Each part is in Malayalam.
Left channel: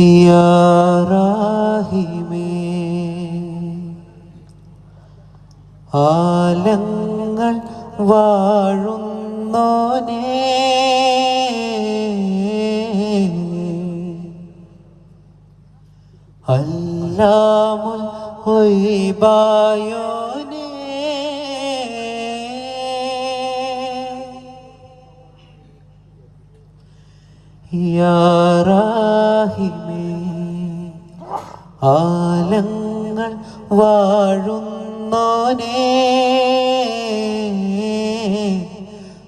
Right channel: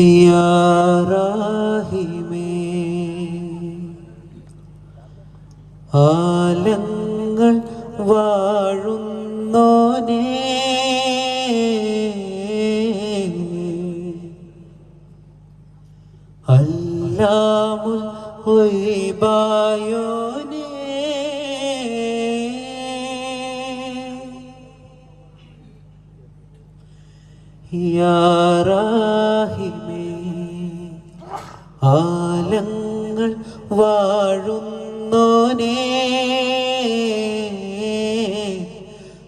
യാ ആലങ്ങൾ വാഴുന്നോനേ. അല്ലാമുൽ ഹൊയ്ബായോനേ. യാറാഹിമേ ആലങ്ങൾ വാഴുന്നോനെ.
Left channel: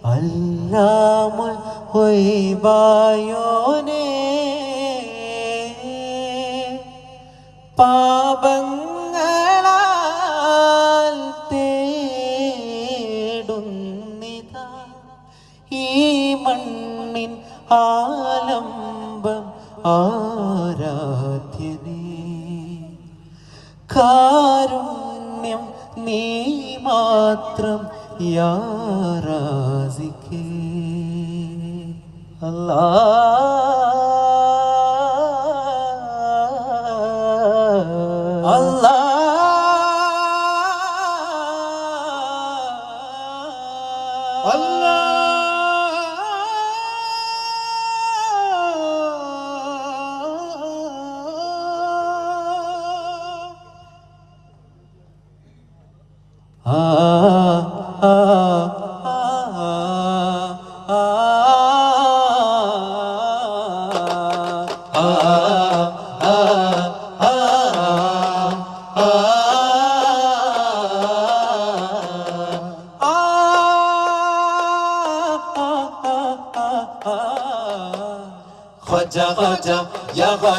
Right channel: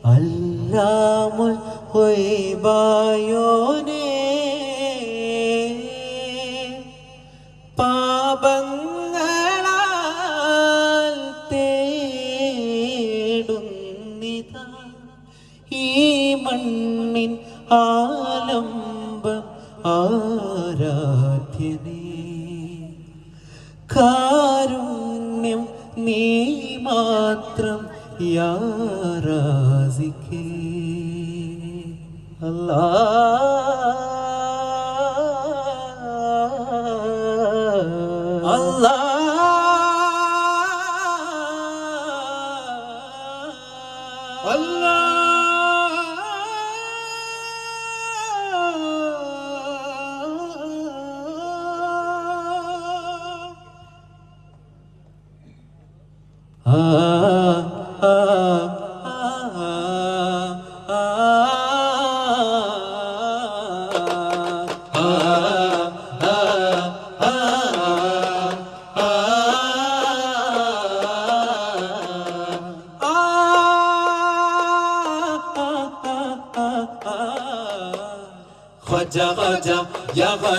അല്ലാമുൽ ഹൊയ്ബായോനേ. പാപങ്ങളാൽ തേടുന്നിതാ. ഈ മണ്ണിൻ ആലംബം ആരാധ്യനേ കാരുണ്യം നീ മാത്രം യാറാസിക്കേ അല്ലാ.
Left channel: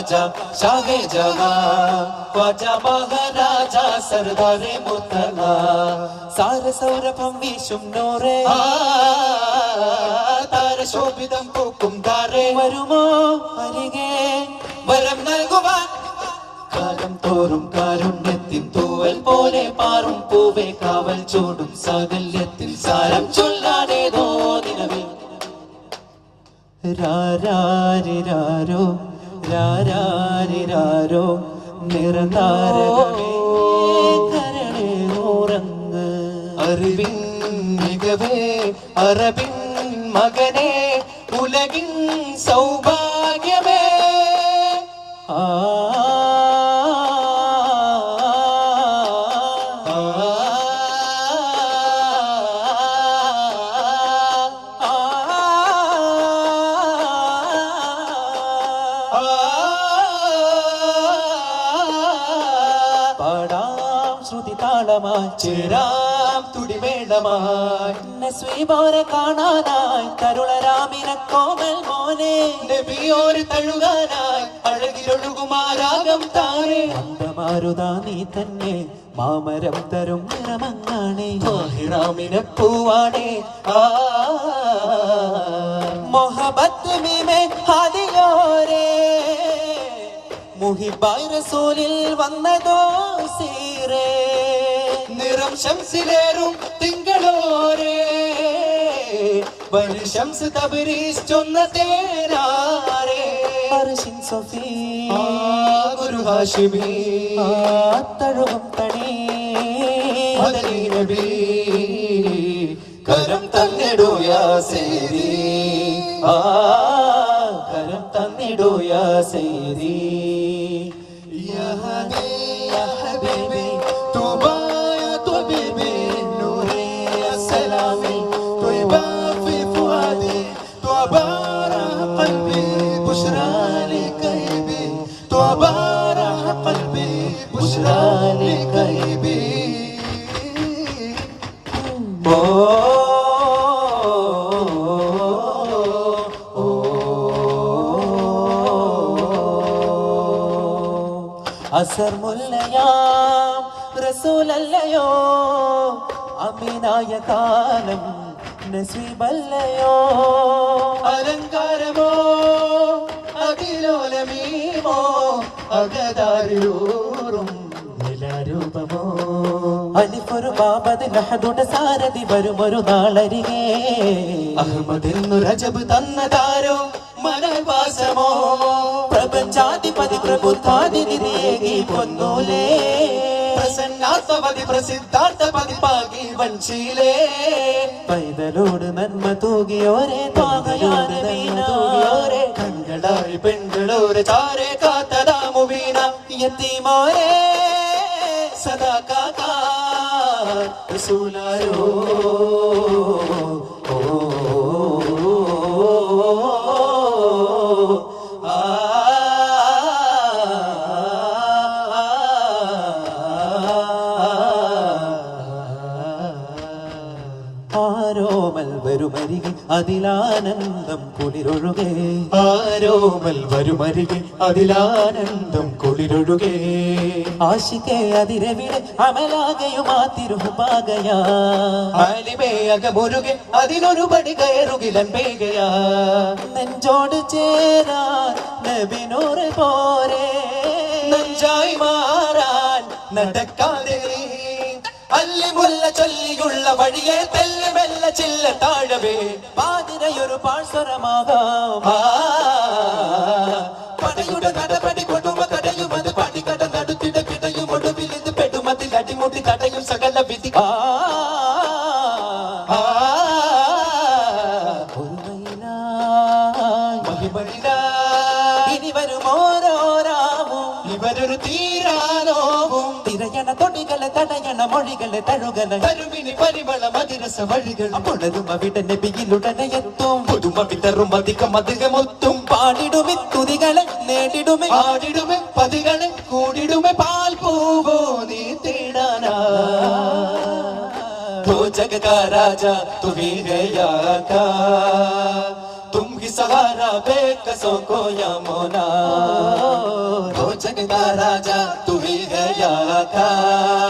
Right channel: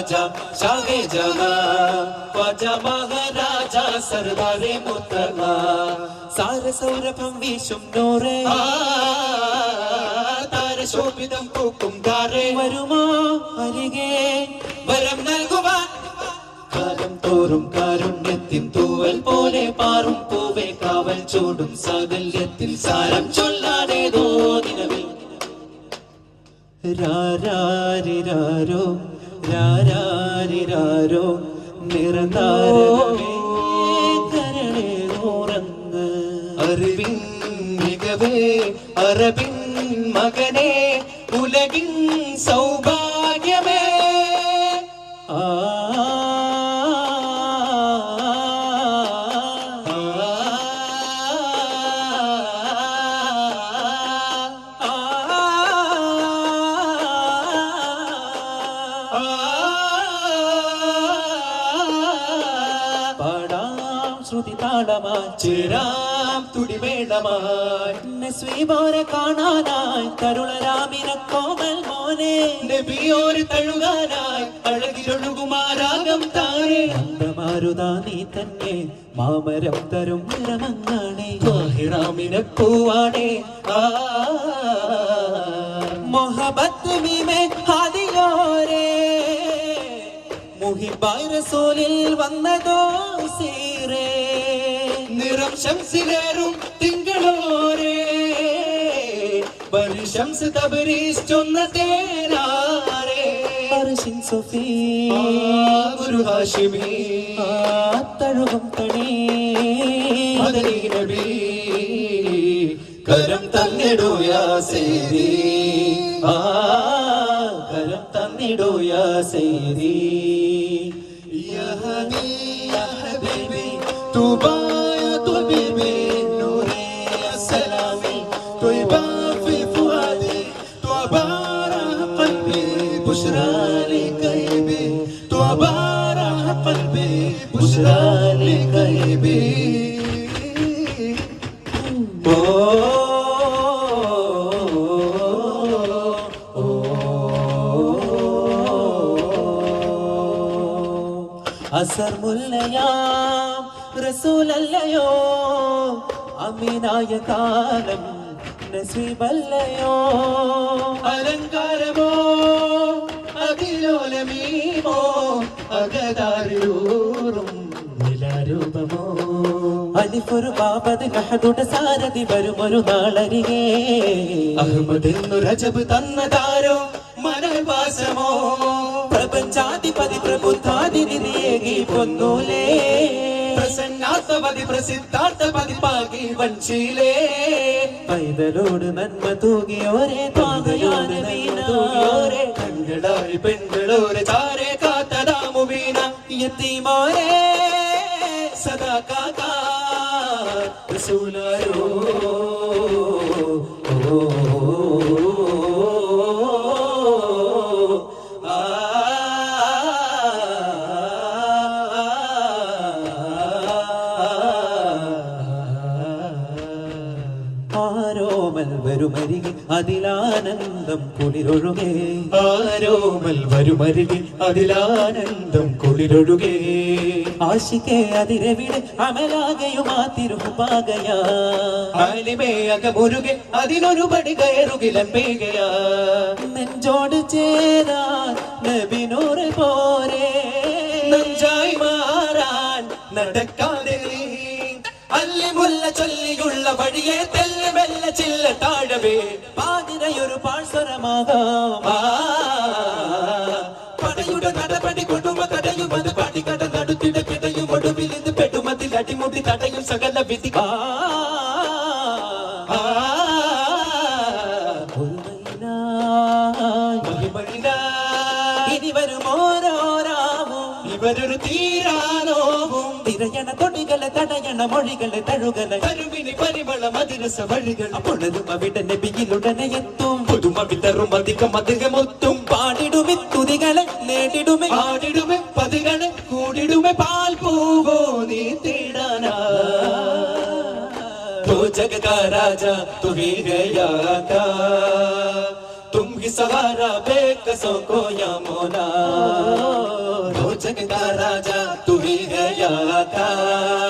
ഖ്വാജ ഷാഹെ ജഹാ ഖ്വാജ മഹാരാജ സർദാരെ മുത്തമ സാരസൗരഭം വീശും നൂറേ താരശോഭിതം പൂക്കും താരേ വരുമോ അരികെ വരം നൽകുവാൻ। കാലം തോറും കാരുണ്യത്തിൻ തൂവൽ പോലെ പാറും പൂവേ കാവൽ ചൂടും സാകല്യത്തിൽ സാരം ചൊല്ലാനേതോ നിലവിൽ. രാരാരിരാരോ രാരാരിരാരോ നിറനാരകമേ പാടാം ശ്രുതി താളമായി ചേരാം തുടിവേളമായി നസ്വീബോരെ കാണാനായി തരുളരാമിന കോമൽ മോനെ നബിയോര് തഴുകാനായി അഴകിലൊഴുകുമാരാകം താരേ മാരുതാ നീ തന്നെ മാമരം തരും നിറമങ്ങാണേ. ഹിറാമിനെ പൂവാണേ. ആ. മൊഹബത്ത് മുഹിബായ് റസൂലിൽ വന്നതോ സീറേ? നിറം ശംസിലേറും തിങ്കളോരേ. ശംസ് തബരീസ് ചൊന്ന തേരാരേ സഫീ ഗുരു ഹാഷിമി. തഴുകും തണി മദനി നബി കരം തന്നിടൂ യാ സേരി. ആ കരം തന്നിടൂ യാ സേരി. അസർ മുല്ലയാ റസൂലല്ലയോ? നസീബല്ലയോ? അലങ്കാരമോ? അതിലോലമീമോ അകതാരിലൂറും നിലരൂപമോ? അലിഫൊരു ബാബത് ലഹദുടെ സാരഥി വരുമൊരു നാളരികെ. അഹമ്മദെന്നു രജബ് തന്ന താരോ മനവാസമോ പ്രപഞ്ചാധിപതി പ്രബുദ്ധാതിഥിയേകി പൊന്നൂലേ. പ്രസന്നാസവതി പ്രസിദ്ധാർത്ഥപതി പാകി വഞ്ചിയിലേ പൈതലോട് നന്മ തൂകിയോരെ താകയാന വീണോരെ കണ്ണടായി പെൺകളോര് ചാരെ കാത്തതാമു यतीमों सदा का ആരോമൽ വരുമരികെ അതിലാനന്ദം കുളിരൊഴുകേ. ആരോമൽ വരുമരികെ അതിലാനന്ദം കുളിരൊഴുകേ. ആശിക്കേ അതിരവിടെ അമലാകയുമാ തിരുപാകയാ ആലിമേ അകമുരുകെ അതിനൊരു പടി കയറുകിലൻ പേകയാ. നെഞ്ചോട് ചേരാൻ നബിനൂറ് പോരെ. നെഞ്ചായി മാറാൻ നടക്കാതെ നീ. അല്ലിമുല്ല ചൊല്ലിയുള്ള വഴിയെ തെല്ല് മെല്ല ചില്ല താഴവേ. പാതിരയൊരു പാഴ്സരമാകാം. പടയുടെ നടപടി കൊടുമ തടയുമത് പടികട നടുത്തിട പിടയും ഒടുവിൽ ഇത് പെടുമതിൽ അടിമുടി തടയും സകല വിധി. ഇനി വരും ഓരോരാവും. ഇവരൊരു തീരാനോവും. തിരയണ തൊടികളെ തടയണ മൊഴികളെ തഴുകണ കരുവിനി പരിമള മതിരസ വഴികൾ അപ്പോഴതും അവിടെ നബിയിലുടനെ എത്തും പുതുമ വിതറും അധികം അധികമൊത്തും പാടിടുമി തുതികളെ നേടിടുമി പാടിടുമെ പതികളെ കൂടിടുമെ പാൽ പൂവോ നീ തേടാനാ तो जग का राजा तुम ही गया का तुम ही सहारा बेकसों को या मोला तो जग का राजा तुम ही गया का तुम ही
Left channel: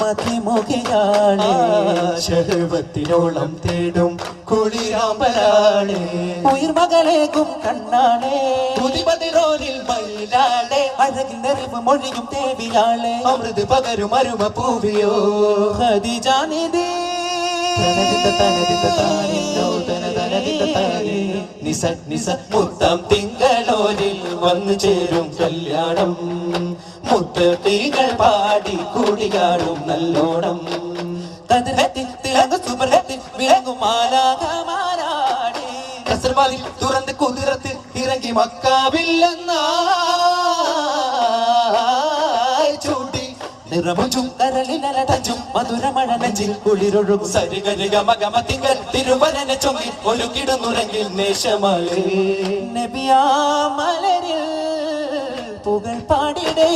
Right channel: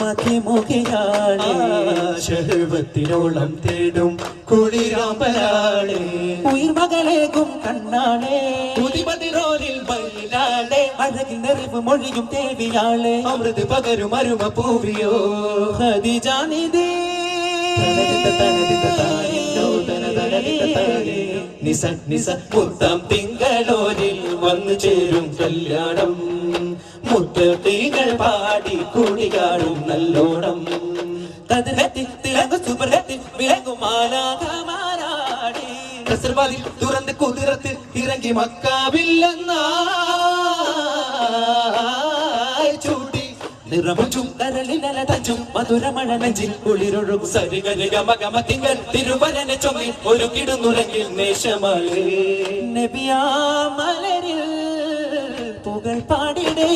മതിമുഖിയാളേ ശഹവത്തിനോളം തേടും കുളിരാമലാളെ ഉയർമകളേകും കണ്ണാളേ. പുതിപതിരോനിൽ മയിലാളെ. അഴകിൽ നിറവ് മൊഴിയും തേവിയാളെ അമൃത് പകരും അരുമ പൂവിയോ ഹദിജാനിധി നിസ നിസ മുത്തം മക്കാവില്ലെന്നായി ചൂട്ടി നിറമുച്ചും കരളിനലടച്ചും മധുരമഴ നെഞ്ചിൽ കുളിരൊഴുകും സരിഗരിക മകമ തിങ്കൾ തിരുവനന ചൊങ്ങി ഒരു കിടന്നുറങ്ങിൽ നേശമലേ നബിയാ മലരിൽ പുകൾ പാടിടേ.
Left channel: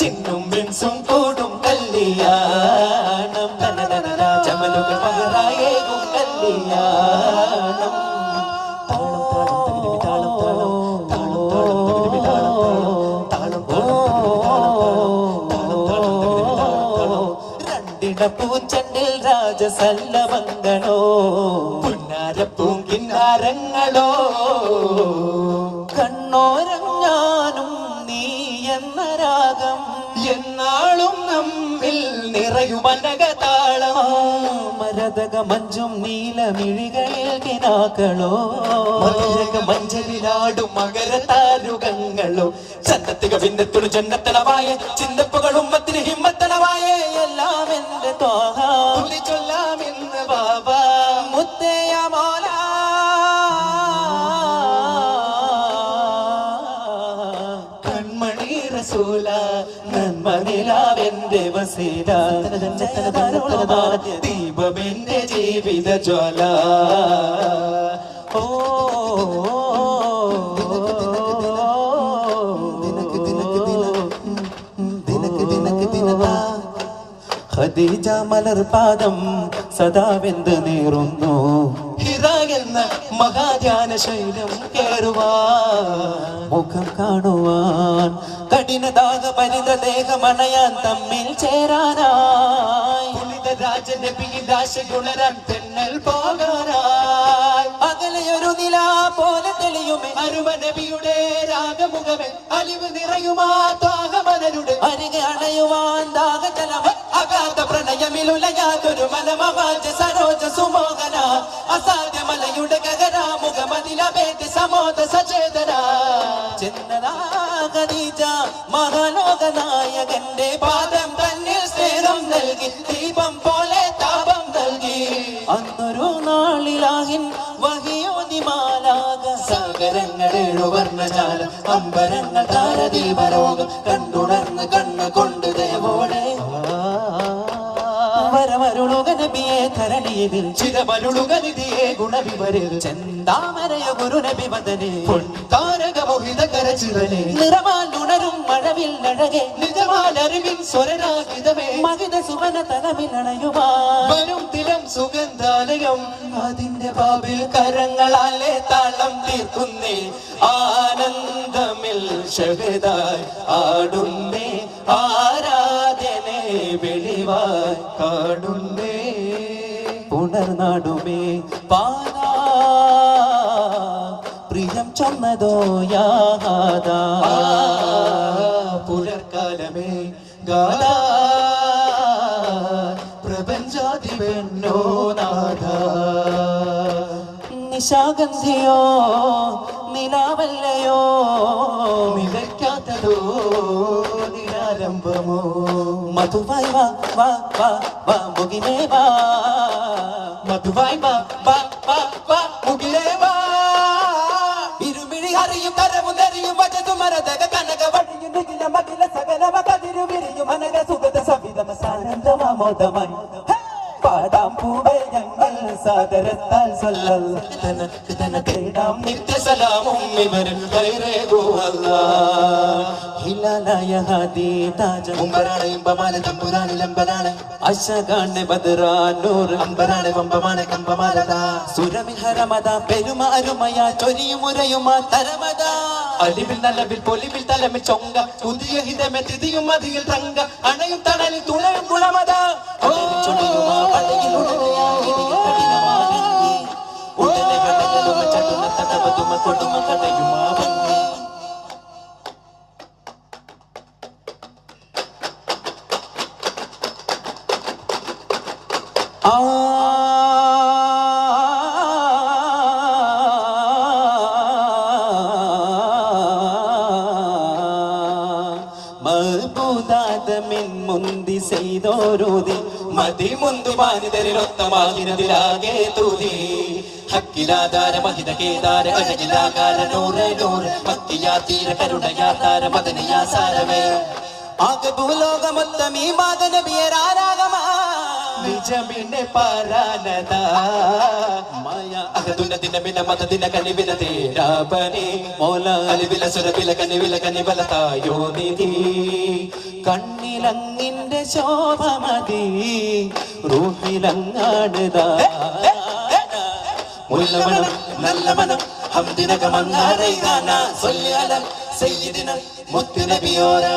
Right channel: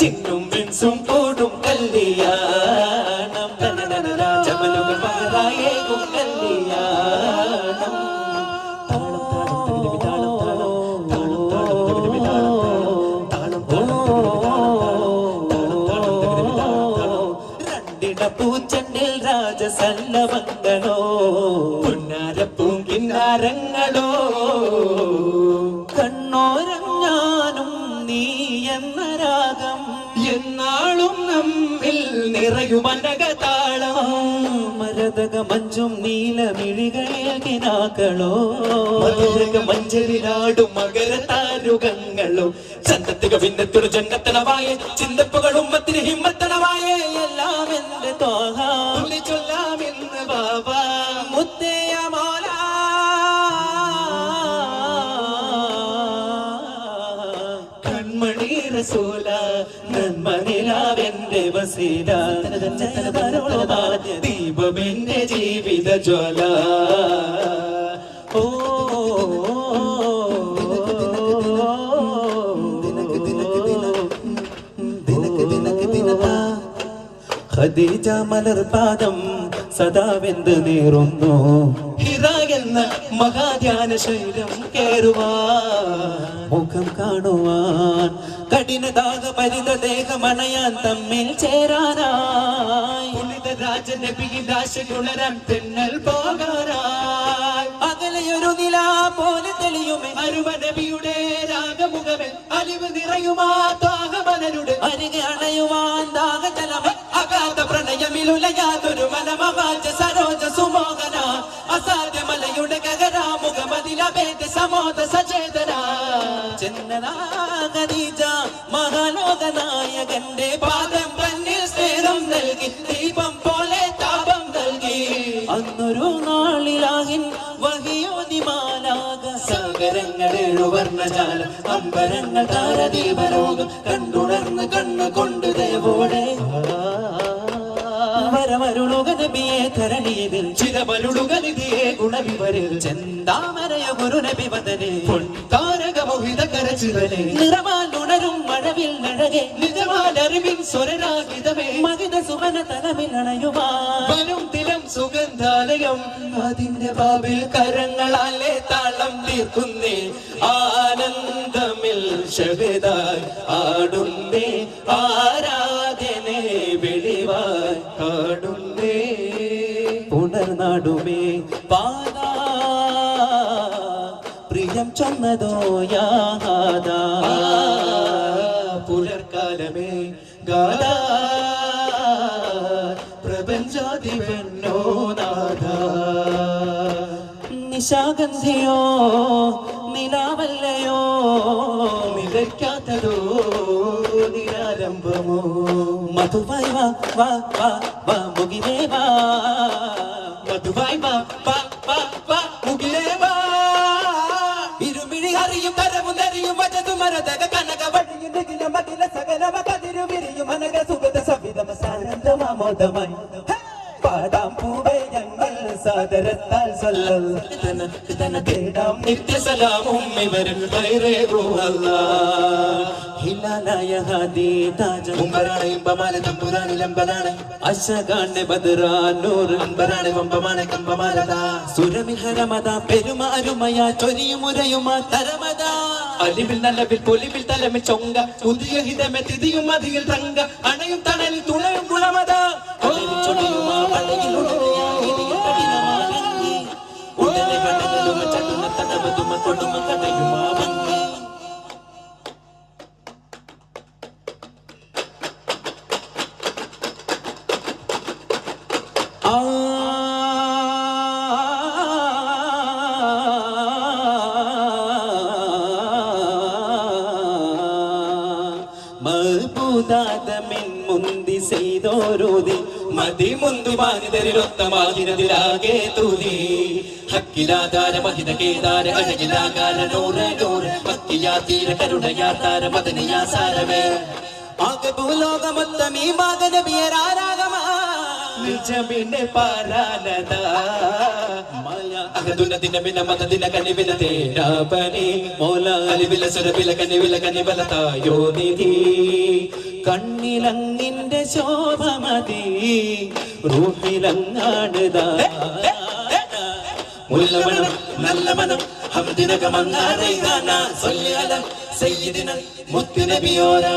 ചിന്നും മിൻസും കൂടും കല്യാണം രാജസല്ലമംഗളോ പൊന്നാരപ്പൂം കിന്നാരങ്ങളോ. നീ എന്ന രാഗം എന്നാളും നമ്മിൽ നിറയുമനകതാളം മരതക മഞ്ചും നീലമിഴികളിൽ കിനാക്കളോ മധുരക മഞ്ചലിലാടും മകരതാരുകങ്ങളോ. ചന്തത്തുക ഭിന്നത്തൊരു ജന്നത്തണവായ ചിന്തപ്പുകളും മത്തിന് എല്ലാം എന്റെ തോഹ ബാബാ മുത്തയ മോല കൺമണി റസൂല നന്മനിലാവെന്റെ വസീല ദീപമെന്റെ ജീവിത ജ്വാല ഓ ഖദീജ മലർ പാദം സദാവെന്ത് നീറുന്നു. ഹിറ മഹാധ്യാന ശൈലം കേറുവാ മുഖം കാണുവാൻ. കഠിനദാഹ പരിത ദേഹമണയാൻ തമ്മിൽ ചേരാനായി. പുനിത രാജനബിയിൽ രാശികുണരാൻ തെന്നൽ പോകാനായി. അകലെയൊരു നില പോലെ തെളിയുമേ. അരുവ നബിയുടെ രാഗമുഖമേ. അലിവ് നിറയുമാ താഹമലരുടെ അരികെ അണയുവാൻ ദാഹജലമേ അഗാധ പ്രണയമിലുലയാതൊരു മനമവാചി സരോജ സുമോഹന അസാധ്യ മലയുടെ കകരാമുഖമതിലഭേദ സമോദ സചേതന. ചെന്നദാഖദീജ മഹാലോക നായകന്റെ പാദം മോഹിത കരചിരനെ ഉണരും മഴവിൽ മഴകെ നിജമാലറിവിൻ സ്വരരാഗിതമേ. മകിത സുവന തലമിൽ അണയുവാനും തിരം സുഗന്ധാലയം. അതിന്റെ പാവിൽ കരങ്ങളാലെ താളം തീർക്കുന്നേ. ആനന്ദമിൽ ഷഹദായി ആടുന്നേ. ആരാധനെ വെളിവായി കാണുന്നേ ചൊന്നതോ യാദാ ആ, പുലർക്കാലമേ ഗാല പ്രപഞ്ചാതി നാഥ. നിശാഗന്ധിയോ നിലാവല്ലയോ? നിലയ്ക്കാത്തതോ നിരാരംഭമോ മധുവായി വാ വാ വാ വാ മുകിലേ വാ. മധുവായി വാ മരതക കനക വഴിയും നികില മകില സകലവ കതിരു അനക സുഗത സവിതമ സാനന്ദമാമോദമായി പാടാം പൂവേ ഞങ്ങൾ സാദരത്താൽ സല്ലല്ല തേടാം നിത്യസലാമും ഇവരിൽ കൈറേകുവല്ല ഹിലാലായ ഹാദി താജ മുമ്പരാണ് ഇമ്പമാല തമ്പുരാണ് ലംബനാണ് അശകാണ് ബദ്രാനൂർ അമ്പരാണ് വമ്പമാണ് കമ്പമാലതാ സുരമിൽ ഹരമത പെരുമാരുമയ ചൊരിയുമുരയുമാ തരമത അലിവിൽ നല്ലവിൽ പൊലിവിൽ തലമിൽ ചൊങ്ക. പുതിയ ഹിതമെ തിതിയും മതിയിൽ തങ്ക. അണയും തണലിൽ തുണയും ഗുണമത. ഉടനെ കടലുമ ചടുമ തടവതുമ കൊടുമ ചെയ്തോരോതി. മതി മുന്തു മാനിതരിലൊത്തമാകിരതിലാകെ തൂതി ഹക്കിലാധാര മഹിത കേദാര കടകിലാകാര നൂറ് നൂറ് ഭക്തിയാ തീര കരുണയാ താര മദനിയാ സാരമേ ആകെ ഭൂലോകമൊത്തം ഈ മാതനബിയരാരാഗമാ നിജമിന്റെ പാരാനത. അകതുല ദിനമില മതദിന കനിവില തേരാപനി മോല സുരവില കനിവില കനിവല തായോ നിധി. കണ്ണിലങ്ങിന്റെ ശോഭമതി. റൂഹിലങ്ങാടുതാ മുല്ലമണം നല്ല മനം ഗാന സൊല്ലിയാല സയ്യിദിന മുത്തുനബിയോരാ.